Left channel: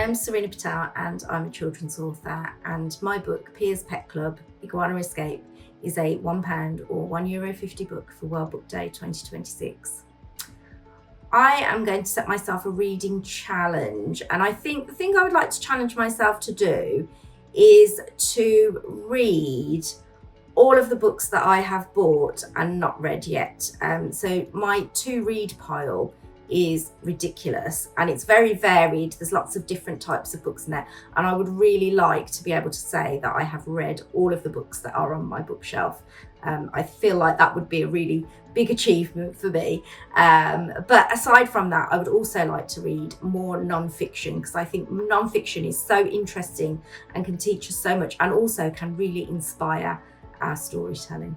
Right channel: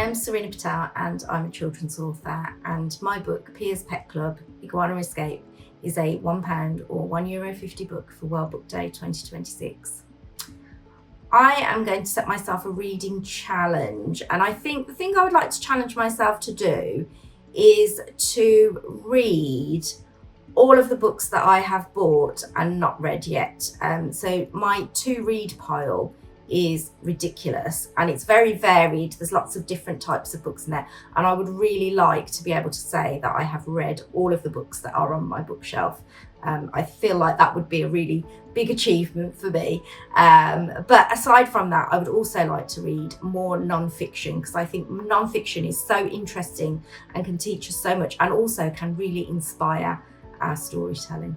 am Serena Patel and I'm a children's author, and my book, Piers Pet Club Iguana Escape, is a £1 or €1.50 book for World Book Day 2026. I am going to set myself a reading challenge, and I think the thing I would like to challenge myself to do is to read all of the books that I have bought and not read yet. So my to read pile is ridiculous and it's very varied. There's lots of different types of books in there, and I would really like to be able to say that I have read all of the books that are on my bookshelf. I feel like that would be a really big achievement for me. But aside from that, I would also like to read more non-fiction, because I think non-fiction is so interesting and can teach us so much, and also can really inspire our storytelling.